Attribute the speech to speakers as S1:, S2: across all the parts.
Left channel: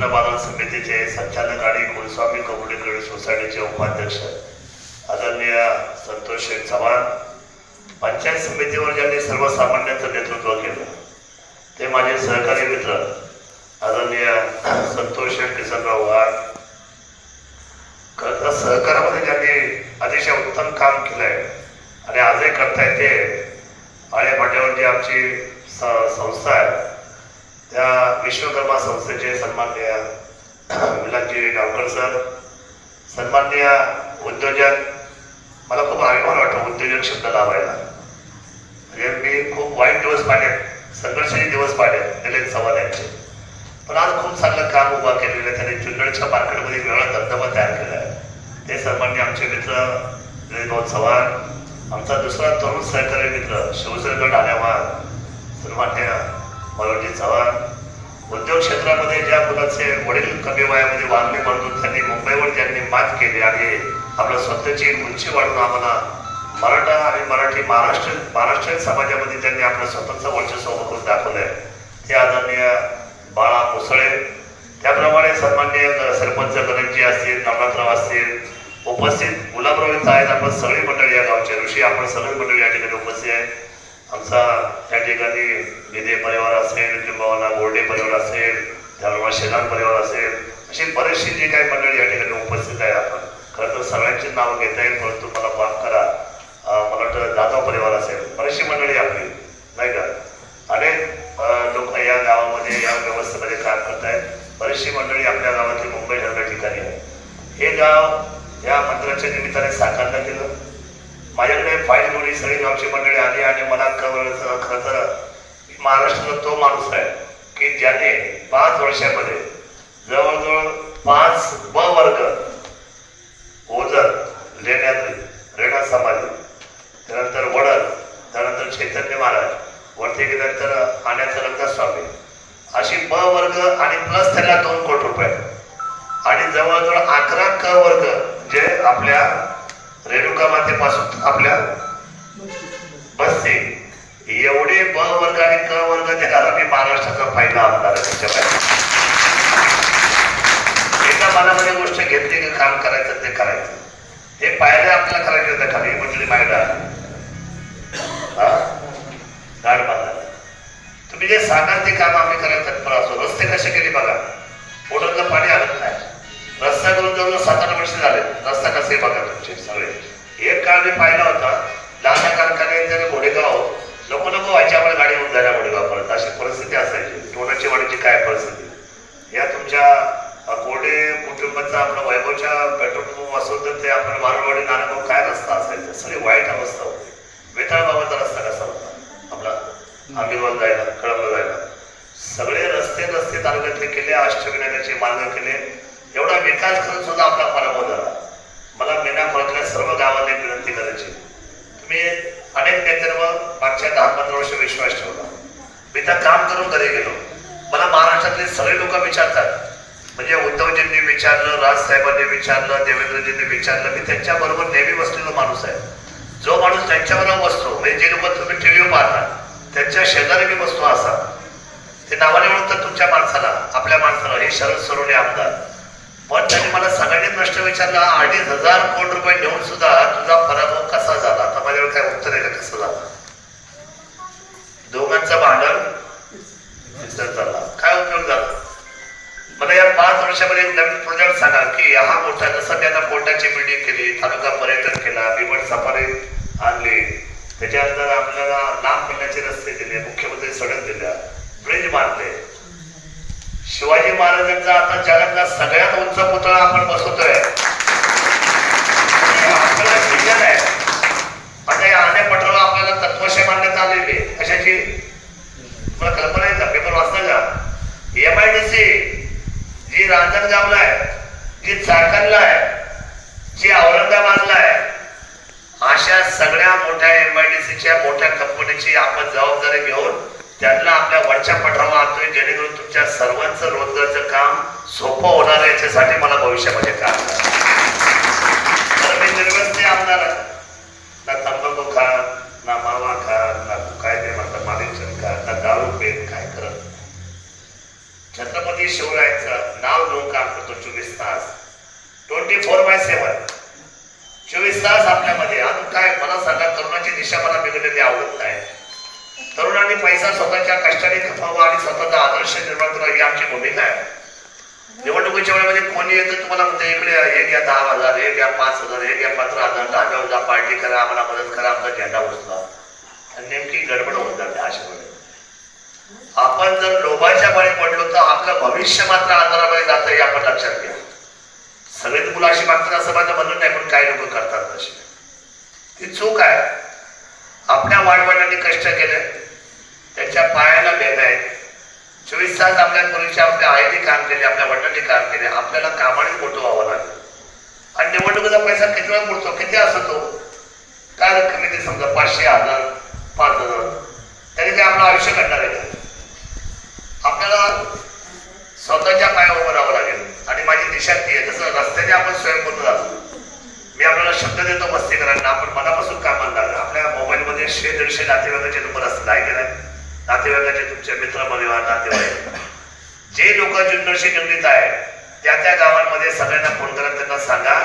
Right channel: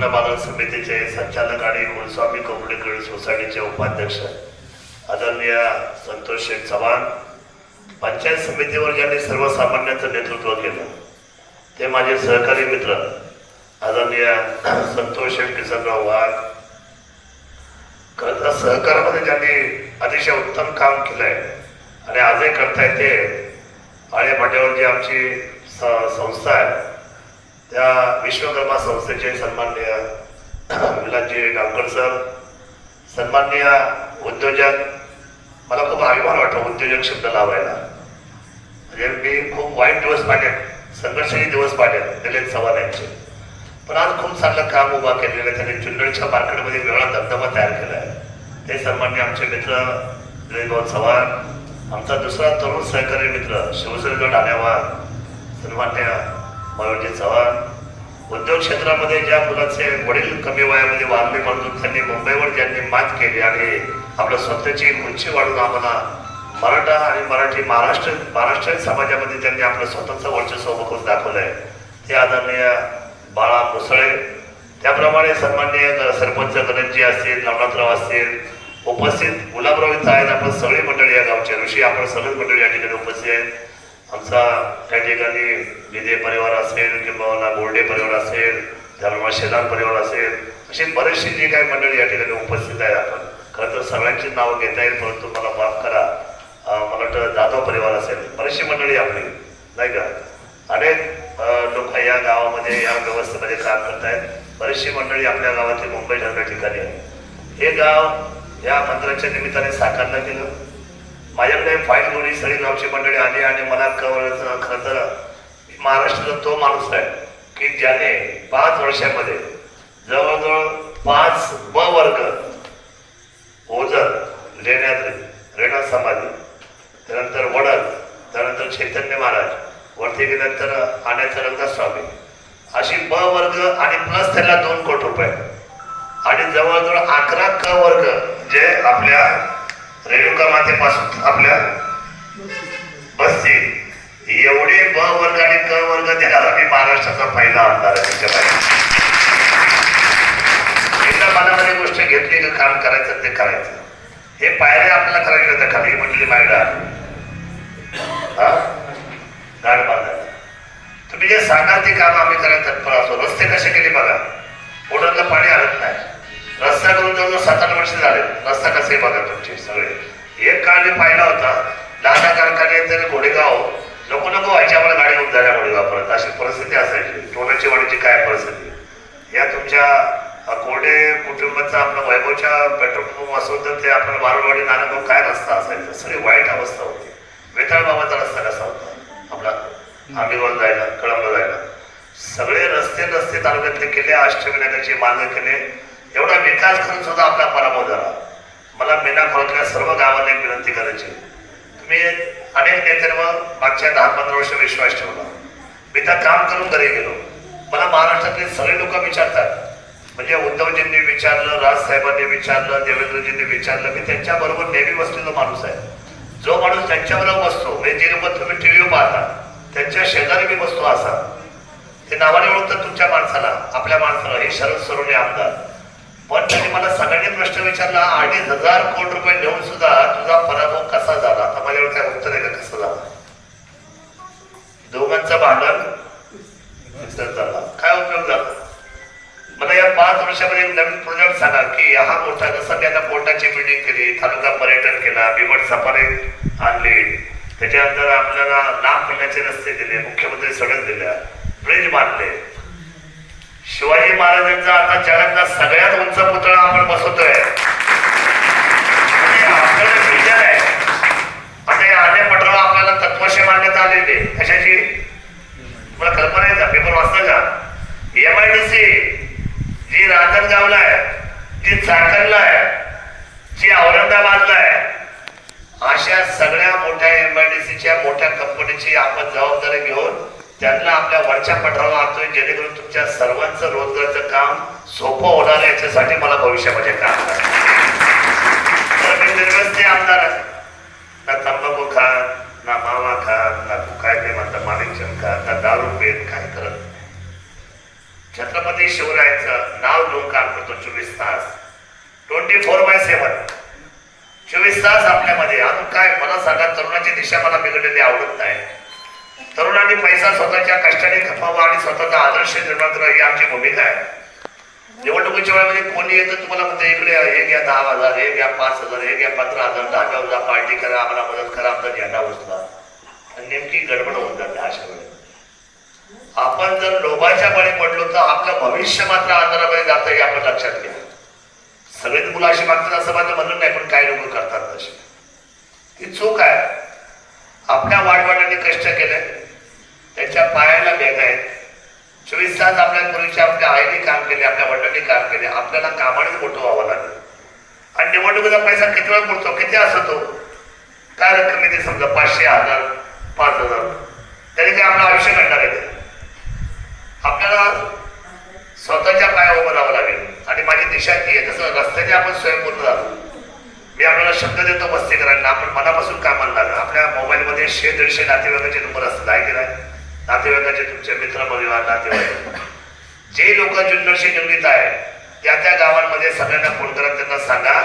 S1: विश्वकर्मा बाजार समितीचे संचालक आणि कुलस्वामी कम्युनिटी सोसायटीचे उपाध्यक्ष आदरणीय संतोष शेख चव्हाण पंचायत समितीवर ज्यांनी सर्वसामान्यांचं नेतृत्व केलं ते माझे सहकारी मित्र आदरणीय संतोष शेठ किसनराव वाघ खरं सहकारामध्ये ज्यांनी अतिशय उत्तम काम केलंय आणि आजही करतायत ते आळेपाट्यावर जी आमची संस्था आहे. त्या विश्वकर्मा संस्थेचे सन्माननीय विलासजी गावकर सर सन्माननीय उद्योजक मला खूप अभिमान वाटतो उद्योजक शब्द लावायला. म्हणजे मी खूप वाईट दिवस पाडले संघर्षही दिवस पाडले निलेश चव्हाण यांचे पण आज खूप चांगलं काम उभा केलेलं आहे. त्यांनी जुन्नरच्या मार्केटमध्ये वेगळा धबधबा तयार केला आहे. ते सन्माननीय आमचे मित्र निलेशभाऊ चव्हाण आमचा दुसरा तरुण सहकारी मित्र शिवसेनेगड आल्यावर सन्मान्य मराठी चव्हाण. उद्योग क्षेत्रामध्ये ज्या मुलाचे वडील कमी वयामध्ये वारले म्हणून त्यांनी मुंबईवर त्यांनी मात केली आणि आपलं स्वतःची उंची वाढून आम्हाला मराठा आणि मराठी महाराष्ट्र महाराष्ट्रीयन समाजामध्ये त्यांनी आपलं स्वतःचं वर्चस्व करून करून दाखवलंय. ते आदरणीय बाळा मुसळे त्याप्रमाणे सन्मान्य सरपंच गणेशजी असतील नवनाथराव असतील उपस्थित गुलाबराव इथं आहेत आपण सगळी मंडळी या गावच्या ऋषी आपण सगळी मंडळी या ठिकाणी उपस्थित आहेत. आमचा त्या ठिकाणी विदे परिवार असेल किंवा बोर्डे परिवार असेल त्याप्रमाणे शेलार परिवार असेल अशी बरीचशी जी काही मंडळी या ठिकाणी उपस्थित आहे आपण. खरं तर सगळ्यांचीच नावं घेता येईल परंतु मला माफ करा. मला वाटतं जाधव परिवार असेल बरीचशी मंडळी आपली नाही का? अनेक लोक या गावामध्ये या व्यवस्थेमध्ये काम करत आहेत. बरीचशी मंडळी आपल्या गावातली मुंबई सारख्या ठिकाणी आहे हे गाव या मंत्राच्या निमित्ताने साकारलं गेलं माझ्याकडे फाईल मुली सगळी गावची मंडळी आली आणि मला कवर खरं तर महाराष्ट्राचा तो माणूस आहे की ज्याने पाच वर्षामध्ये जवळजवळ पाच ब वर्ग ओझर लेण्यात रेणा समाधी त्यानंतर वडद त्यानंतर चैतन्य महाराज वरती गेल्यानंतर आण्याचं रंगस्वामी. अशी ब वर्ग आणि प्लस त्याला दोन कोटी रुपये. आणि जवळजवळ अकरा क वर्ग जे आपल्या रेणुका मातेपासून आपल्या बसते एवढे ब वर्ग आणि क वर्ग देणारा मी महाराष्ट्राचा फायदा आमदार आहे. गोष्ट घेतली का काम करायचं ते करायचं. हे पायऱ्या आपल्याला करायला येतं खाली म्हटली पायऱ्या गाड बांधा. तुम्ही जे सांगाल ते काम आम्ही करायला तत्पर असो रस्ते कसे केले बघा. ओढतलं पाणी हलत नाही. रस्त्याकडून जवळजवळ सात आठ वर्ष झाले. कसे बघा तुमचे सगळे. एक काळ मी पाहिला होता लहान कारखान्यात घोडेगाव नको नको व्हायची आम्हाला गाडी होऊन जायला घोडेगाव परत. अशी परिस्थिती असायची. टोलाची वाडीची काय परिस्थिती? या तुमच्या कोरडे कुटुंबाचा आपला वैभवच्या पेट्रोल पंप असून तर ते आपण मारवाडी नानाभाऊ काय रस्ता असायचा? सगळी वाईट अवस्था होती. वेताळ बाबाचा रस्ता कसा होता? आपला आंबीवर जायला कळंब जायला. सगळे रस्ते रस्ते तालुक्यातले केले अष्टविनायकाचे मान्य केले. एवढा विकास करून सुद्धा आपला पराभव झाला. मला मेना खोलच्या सर्व गावांना एक विनंती करायची तुम्ही अनेक नेत्यांवर मागच्या दहा पंधरा वर्ष विश्वास ठेवला. मी त्या काम करून घरी गेलो. मला महाराष्ट्रातले सगळे लोक विचारतात. म्हणजे उद्धवजींनी विचारलं राजसाहेबांनी विचारलं देवेंद्रजींनी विचारलं. मी त्यांच्याबरोबर नेहमी बसलेला माणूस आहे. जो माणूस त्यांच्याबरोबर बसतो म्हणजे जे लोक तुम्ही टीव्हीवर पाहता त्यांच्या शेजारी मी बसतो असा. ते नावाने ओळखतात तुमच्या माणसाला आपल्या माणसाला. हे शरद सरोने आमदार. पण त्यांनी मला सगळ्यांनी प्रश्न विचारला अडीच हजार कोटी रुपये देऊन सुद्धा तुझा पराभव कसा झाला? आता माझ्याकडे काय उत्तर आहे का? कसं झालं? दोघांचं भांडण झाला काय उपयोग झाला? मला या पाच वर्षामध्ये एक नवीन प्रोजेक्ट सांगा की हा मोठा जसं त्यांना आता कोर्टाची बिल्डिंग केली तालुका पर्यटन केला बिवड सफारी आणली. त्याच्यानंतर आपल्याला लांब करण्याचे रस्ते दिले मुख्यमंत्री सडक दिल्या ब्रिज बांधले. शिवाजी महाराजांचा आता जगातला सगळ्यात उंच पुतळा आपण बसवतोय. आणि आपल्याला आता या आण्या पटराव आपल्याला तत्वशे मान्यता आलेले आहे. कशाची मला कल्पना आहे का? पेपर वाचता का एम आय डी सी जी रांजणगावला आहे जी चाकणला आहे जी औरंगाबादला आहे अशा सगळ्या मोठ्या एम आय डी सीच्या मोठ्या कंपनीची आपण जबाबदारी घेऊन त्यांना आपल्या वरच्या पठारावर आणतोय जेणेकरून तुमच्या सर्वांचं रोजगारचं काम सोपं होणार याच्यासाठी मला भविष्यामध्ये काम करायचं तर मी आमदार आहे. ना तंबाखू खा ना मावा खा ना काय ते म्हणतात मालिकचंद खा ना दारू पेन काय कर छत्रपती शिवरायांचं नाव घेऊन काम करतो चोवीस तास. Twenty four by seven. चोवीस तास आपल्यामध्ये. अजून काय? मला सांगा तरुणाची दिशा मला बिघडलेली आवडत नाही. तरुणांनी पैसा स्वतःच्या कष्टाने खपावा आणि स्वतःचा आदर्श निर्माण करा ही आमची भूमिका आहे. निवडणुकीच्या वेळेमध्ये कोणी येतं तुम्हाला म्हणतं इकडे हे घ्या दहा हजार हे घ्या पाच हजार हे घ्या पंधरा हजार दहा हजार पार्टी करा आम्हाला मदत करा आमचा झेंडा उचला. आणि नेमकी गडबड होत जाते अशा वेळेस. आपण जर लोभाच्या बळी पडलो तर आपलं भविष्य मात्र आजारामध्ये जातं हे आपण लक्षात घ्या. सगळेच मुलं अशी मागतात असं माझं म्हणून नाही पण काही लोक करतात तशी ही चूक आहे. आपल्या वाढवडिलांनी कष्ट केले. त्यांच्या पायाला भेद आहेत चोवीस तास आपल्या मुलीच्या आपल्या आईने काम केले आपल्या वडिलांनी काम केले. आपल्याला कामाने मोठं व्हावं लागलं. आणि निवडणुकीचा पैसा किती वेळ मिळतो किती असतो? काय रक्कम किती? समजा पाचशे हजार पाच हजार. तरी काय आपलं आयुष्य घडणार आहे? आपल्याला स्वतःच्या पाया उभं राहावं लागेल. आणि माझी दिशा ती आहे. तसं रस्त्याने आपण स्वयंपूर्ण राहतो मी आपल्याला शब्द देतो मस्तीकरांना. आपण मनापासून काय म्हणणार? आपल्या मोबाईलमध्ये शे दीडशे नातेवाईकाचे नंबर असतात आहे की नाही? नातेवाईकाचे तुमचे मित्र परिवार नातेवाईक. जे लोक जुन्नरशी निगडीत आहे त्या त्या गावांमध्ये सगळ्यांना फोन करा त्यांना सांगा.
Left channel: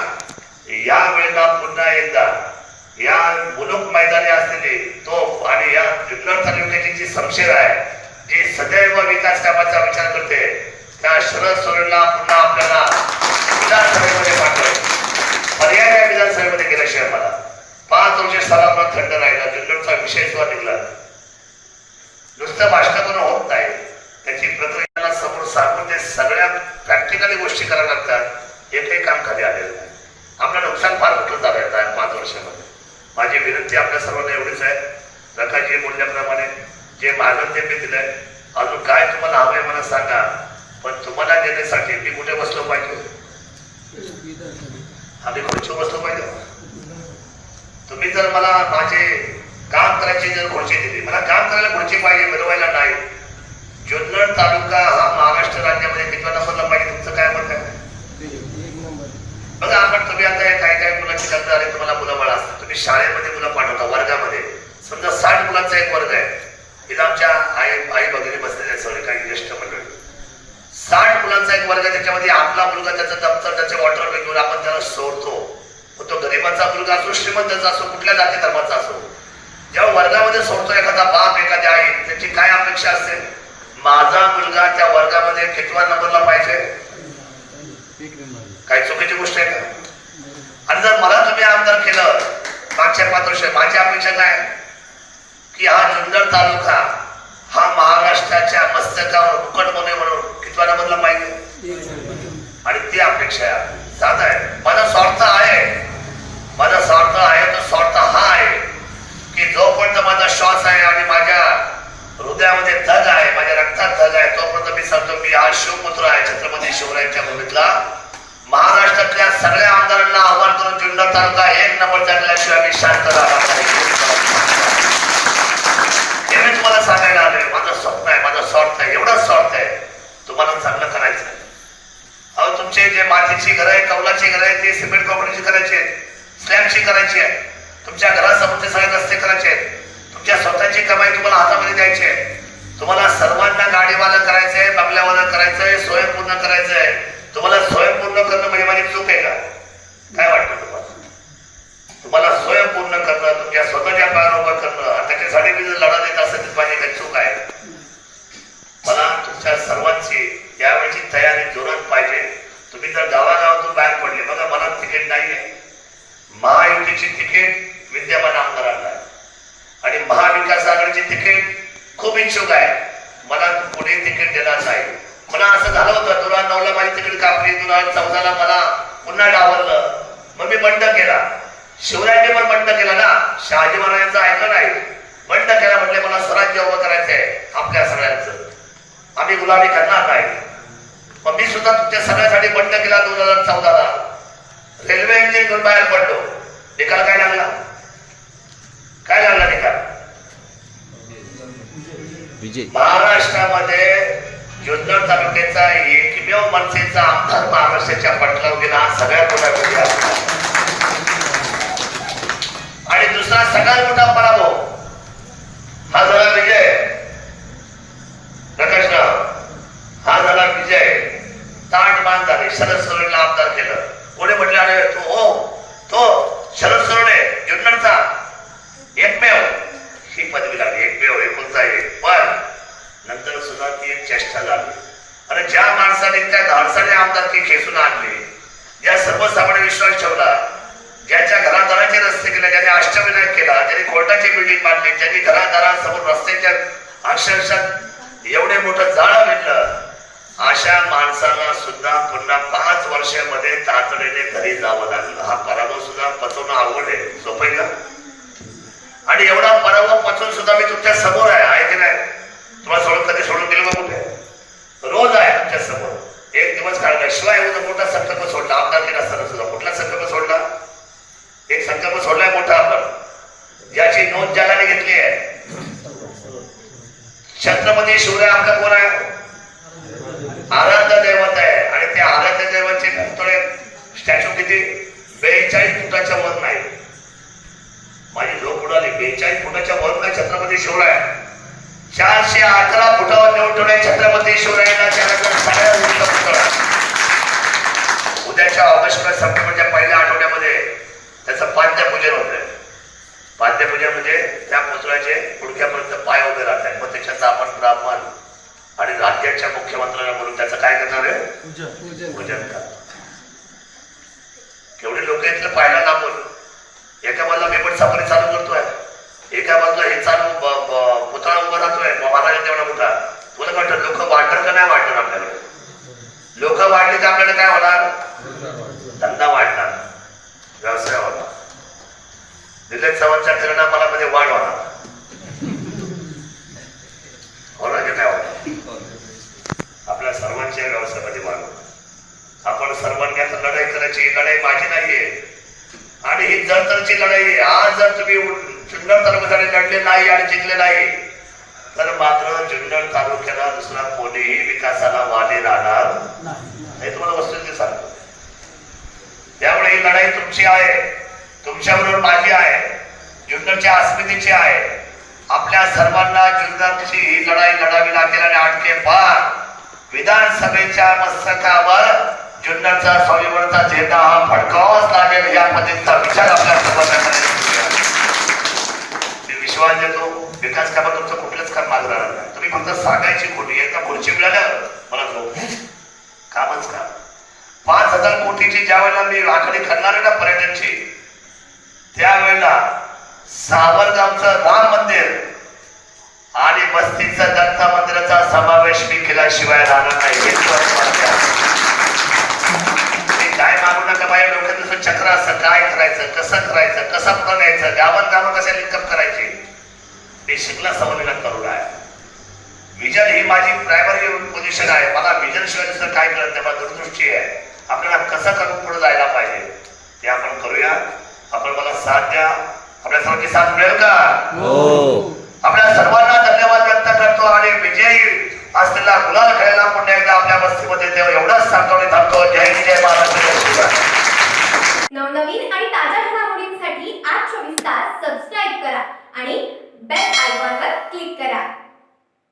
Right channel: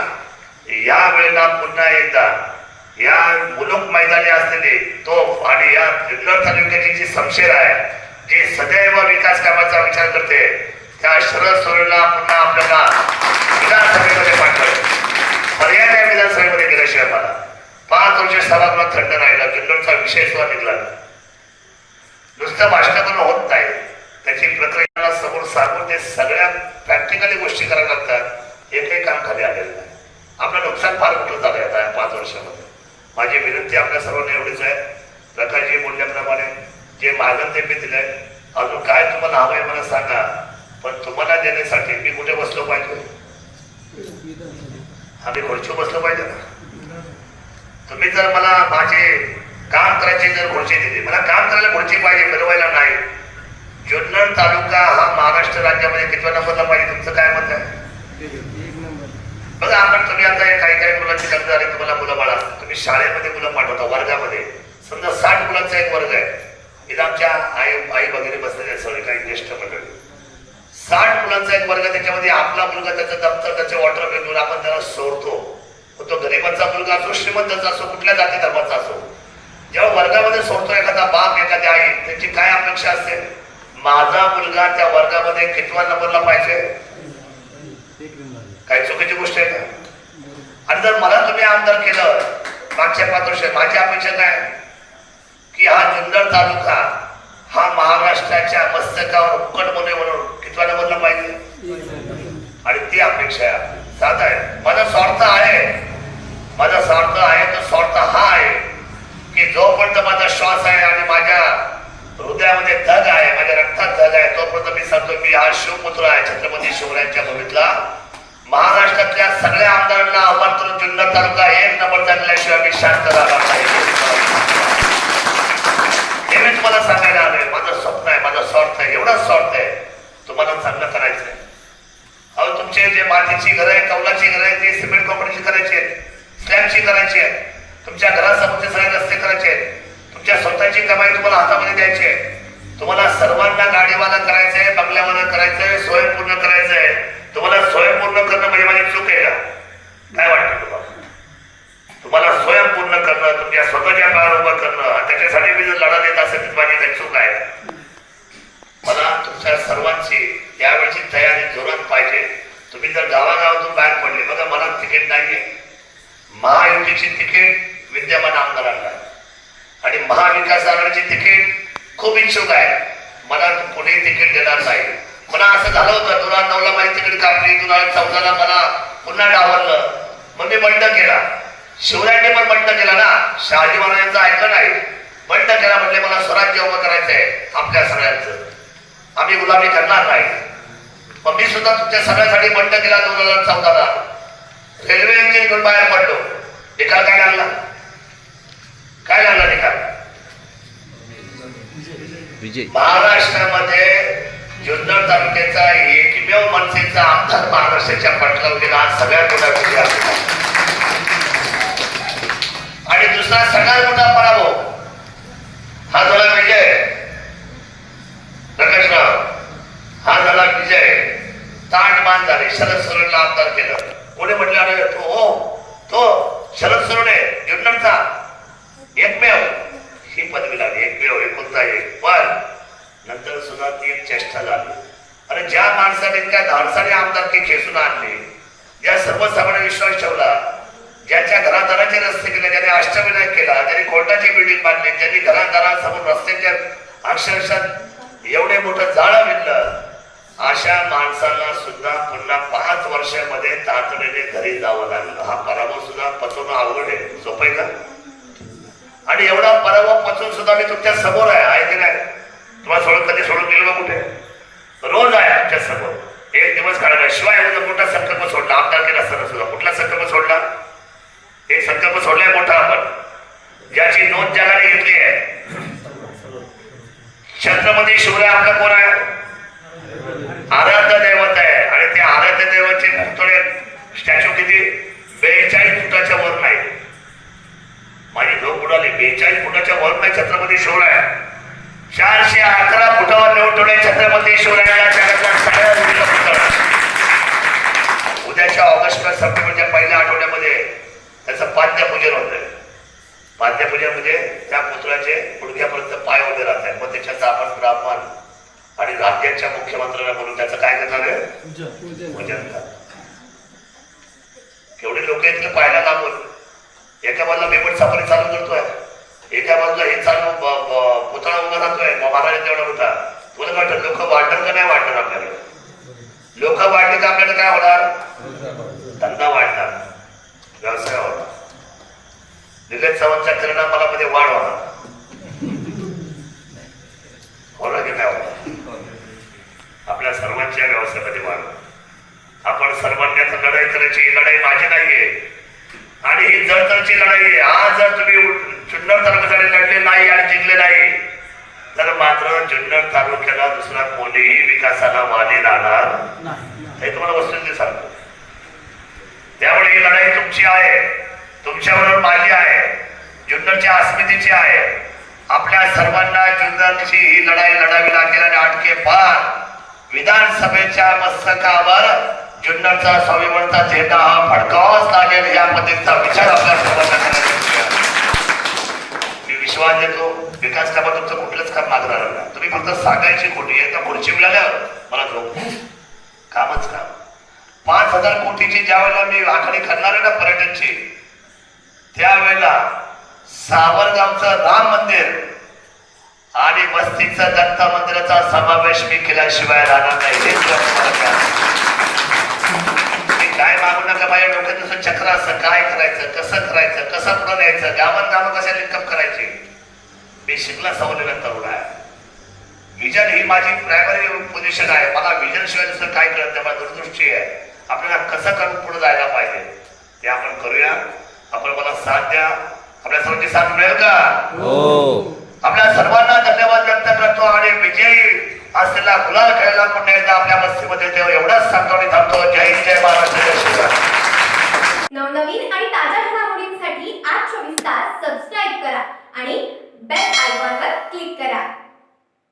S1: या वेळेला पुन्हा एकदा या मुलुक मैदानी असलेली तोफ आणि या जुन्नर तालुक्याची जी समशेर आहे जी सदैव विकास कामाचा विचार करते त्या शरद सोरेला पुन्हा आपल्याला विधानसभेमध्ये पाठवायचं. पर्याय नाही विधानसभेमध्ये गेल्याशिवाय मला? पाच वर्ष सभागृहात थंड राहिला जुन्नरचा विषय सुद्धा निघला नुसतं भाषणातून होत नाही. त्याची प्रक्रिया समोर सांगून ते सगळ्या प्रॅक्टिकली गोष्टी कराव्या लागतात. एकही काम खाली आलेलं नाही. आपलं नुकसान फार मोठं झालं आहे पाच वर्षामध्ये. माझी विनंती आपल्या सर्वांना एवढीच आहे. रकाजी बोलल्याप्रमाणे जे मागं ते मी दिलंय. अजून काय तुम्हाला हवंय मला सांगा. पण तुम्हाला देण्यासाठी मी कुठे बसलो पाहिजे? आम्ही खुर्ची बसलो पाहिजे. तुम्ही जर मला माझे काम करायची जर खुर्ची दिली मला काम करायला खुर्ची पाहिजे मिळवायला नाही. जुन्नर तालुका हा महाराष्ट्र राज्यामध्ये कितव्या नंबरला पाहिजे तुमचं काय मत आहे? बघा आपण तुम्ही आता काही काही मुलांचे कर्ज आले तुम्हाला मुलं बाळ असतात तुम्ही शाळेमध्ये मुलं पाठवता वर्गामध्ये. समजा साठ मुलांचा एक वर्ग आहे. इथं आमच्या आई आई वगैरे बसलेले आहेत सगळे काही ज्येष्ठ मंडळी. साठ मुलांचा एक वर्ग त्याच्यामध्ये आपला मुलगा त्याचं दप्तर त्याचे वॉटर बिल घेऊन आपण त्याला सोडतो. तो गरिबाचा मुलगा असो श्रीमंताचा असो कुठल्या जाती धर्माचा असो जेव्हा वर्गामध्ये सोडतो एखादा बाप एखाद्या आई त्याची काय अपेक्षा असते माझा मुलगा त्या वर्गामध्ये कितवा नंबरला पाहिजे? काही चुकीची गोष्ट आहे का? आणि जर मला तुम्ही आमदार केलं मागच्या पाच वर्ष माझी अपेक्षा काय? की हा जुन्नर तालुका हा महाराष्ट्राच्या मस्तकावर मुकटमोने म्हणून कितव्या नंबरला पाहिजे आणि ती अपेक्षा आहे आहे. माझा स्वार्थ आहे. माझा स्वार्थ आहे तो स्वार्थ हा आहे की जोपर्यंत माझा श्वास आहे आणि माझ्या हृदयामध्ये धग आहे माझ्या रक्तात धग आहे तोपर्यंत मी सांगतो मी हा शिवपुत्र आहे छत्रपती शिवरायांच्या भूमीतला. महाराष्ट्रातल्या सगळ्या आमदारांना आव्हान करून जिल्हा तालुका एक नंबर जगल्याशिवाय मी शांत राहणार नाही. हे मी तुम्हाला सांगायला आलोय. माझं स्वप्न आहे माझा स्वार्थ आहे. एवढा स्वार्थ तुम्हाला चांगलं करायचं आहे अहो तुमचे जे मातीची घरं आहे कौलाची घरं आहे ती सिमेंट कंपनीची करायची आहेत. स्लॅबची करायची आहे तुमच्या घरासमोरचे सगळे रस्ते करायचे आहेत. तुमच्या स्वतःची कमाई तुम्हाला हातामध्ये द्यायची आहे. तुम्हाला सर्वांना गाडीवाला करायचं आहे बंगल्यावाला आहे स्वयंपूर्ण करायचं आहे तुम्हाला स्वयंपूर्ण करणं म्हणजे माझी चूक आहे का? काय वाटतं तुम्हाला? तुम्हाला स्वयंपूर्ण करणं तुमच्या स्वतःच्या पायावर उभं करणं त्याच्यासाठी मी जर लढा देत असेल तर माझी काही चूक आहे मला तुमच्या सर्वांची यावेळची तयारी जोरात पाहिजे तुम्ही जर गावागावातून बाहेर पडले बघा मला तिकीट नाहीये महायुतीची तिकीट विद्यमान आमदारांना आहे. आणि महाविकास आघाडीची तिकीट खूप इच्छुक आहे. मला पुढे तिकीट देणार नाही. मला असं झालं होतं दोन हजार नऊला माझी तिकीट कापली दोन हजार चौदाला मला पुन्हा डावरलं मग मी बंड केला. शिवरायांनी पण बंड केला ना. शहाजी महाराजांचं ऐकलं नाही. बंड केला म्हणजे मला स्वराज्य उभं आहे आपल्या सगळ्यांचं. आम्ही गुलामी करणार नाही. मग मी सुद्धा तुमच्या सगळ्यासाठी बंड केला दोन हजार चौदाला. रेल्वे इंजिन बाहेर पडलो. निकाल काय लागला? काय लागला निकाल?
S2: विजय.
S1: महाराष्ट्रामध्ये जुन्नर तालुक्याचा एकमेव मनसेचा आमदार महाराष्ट्राच्या पटलावर गेला सगळ्यात मोठा विजय आणि दुसरा सगळ्यात मोठा पराभव हा झाला विजय. प्रकाशराव हा झाला विजय. ताटमान झाले शरद सरणला आमदार केलं. कोणी म्हटलं अरे तो हो तो शरद सरणे जुन्नरचा. एकमेव ही पदवी लागली. करता येईल पण नंतर सुद्धा ती एक चेष्टा झाली अरे ज्या माणसाने त्या धाडसाने आमदारकी खेचून आणली ज्या सर्वसामान्य विश्वास ठेवला ज्याच्या घरादाराचे रस्ते केले ज्याने अष्टविनायक केला ज्यांनी कोर्टाची बिल्डिंग बांधली ज्यांनी घरादारासमोर रस्त्याच्या अक्षरशः एवढे मोठं जाळं विणलं अशा माणसाला सुद्धा पुन्हा पाच वर्षामध्ये तातडीने घरी जावं लागलं. हा पराभव सुद्धा पचवणं अवघड आहे. सोपं आहे का? आणि एवढा पराभव पचवून सुद्धा मी तुमच्यासमोर आहे. तुम्हाला सोडून कधी सोडून गेलो का कुठे? रोज आहे आमच्यासमोर. एक दिवस काढला शिवाय एवढा मोठा संकल्प सोडला. आमदार केला असताना सुद्धा कुठला संकल्प सोडला? एक संकल्प सोडलाय मोठा आपण. ज्याची नोंद ज्याला घेतली आहे. छत्रपती शिवराय आपला कोण आहे? आराध्य दैवत आहे. आणि ते आराध्य दैवतचे पुतळे स्टॅच्यू किती? बेचाळीस फुटाच्या वर नाही. माझी झोप उडाली. बेचाळीस फुटाच्या वर नाही छत्रपती शिवराय. अकरा फुटावर ठेवले छत्रपती. उद्याच्या ऑगस्ट सप्टेंबरच्या पहिल्या आठवड्यामध्ये त्याचं पाद्यपूजन होतंय. पाद्यपूजन म्हणजे त्या पुतळ्याचे गुडघ्यापर्यंत पाय उभे राहत आहेत मग त्याच्यात आपण ब्राह्मण आणि राज्याच्या मुख्यमंत्र्यांना म्हणून त्याचं काय करणार आहे? पूजन. केवढे लोक इथलं पाहायला लागून एका बाजूला मी पण सफारी चालू करतोय. एका बाजूला हे चालू पुतळा उभा राहतोय महाराज तेवढा मोठा तुला काय लोक वाढणार का नाही वाढणार आपल्याला लोक वाढले तर आपल्याला काय होणार? धंदा वाढणार. व्यवसाय होणार. दिलेत चव्हाणच्या किरणा मला मध्ये वाढ होणार. होणार की काय होणार? आपल्या सर्वांच्या व्यवसायामध्ये वाढ आपण सर्वांना लढाई करायची लढाई माझी नाहीये. आणि ही जळतरची लढाई आज जर तुम्ही जुन्नर तालुक्यासाठी लढले नाही आणि जिंकले नाही. तर मात्र जुन्नर तालुक्याला दुसरा कोणीही विकासाला वाली राहणार हे तुम्हाला वस्तुस्थिती सांगतो. त्यामुळे ही लढाई तुमची आहे. तुमच्याबरोबर माझी आहे. जुन्नरच्या अस्मितेची आहे. आपल्या सर्वांना जुन्नरची ही लढाई लढावी लागेल आणि आटके पार विधानसभेच्या मस्तकावर जुन्नरचा स्वाभिमानचा झेंडा हा फडकावाच लागेल या पद्धतीचा विचार आपल्या सर्वांना करायचा विश्वास देतो. विकास कामा तुमचं कुठलंच काम मागणार नाही. तुम्ही फक्त सांगायची खोटी एकदा खुर्ची मिळाल्यावर मला झोप कामच काम. पाच हजार कोटीची ज्या वेळेला मी आखाडी करणार आहे ना पर्यटनची त्यावेळेला सावरगावचं राम मंदिर आणि बस्तीचं दत्ता मंदिराचा समावेश मी केल्याशिवाय राहणार नाही. नका बाया डोक्यात जसं चक्र असतं काय करायचं कसं करायचं कसं पुढं न्यायचं गावात गावं कशा लिंकअप करायची? मी शिकला सवलेला तरुण आहे. विजन ही माझी प्रायमरी पोझिशन आहे. मला विजन शिवाय दुसरं काय कळत नाही मला दूरदृष्टी आहे. आपल्याला कसं करून पुढे जायला पाहिजे ते आपण करूया. आपण मला साथ द्या. आपल्या सर्वांची साथ मिळेल का?
S2: हो.
S1: आपल्या सर्वांना धन्यवाद व्यक्त करतो आणि विजयी आज तिला गुलाल खेळायला पुन्हा एकदा आपल्या मस्तीमध्ये तेव्हा एवढाच सांगतो थांबतो जय हिंद जय महाराष्ट्र
S3: नवनवीन आणि ताज्या घडामोडींसाठी आज चोवीस तास सबस्क्राईब करा आणि बेल आयकॉनवर क्लिक करा.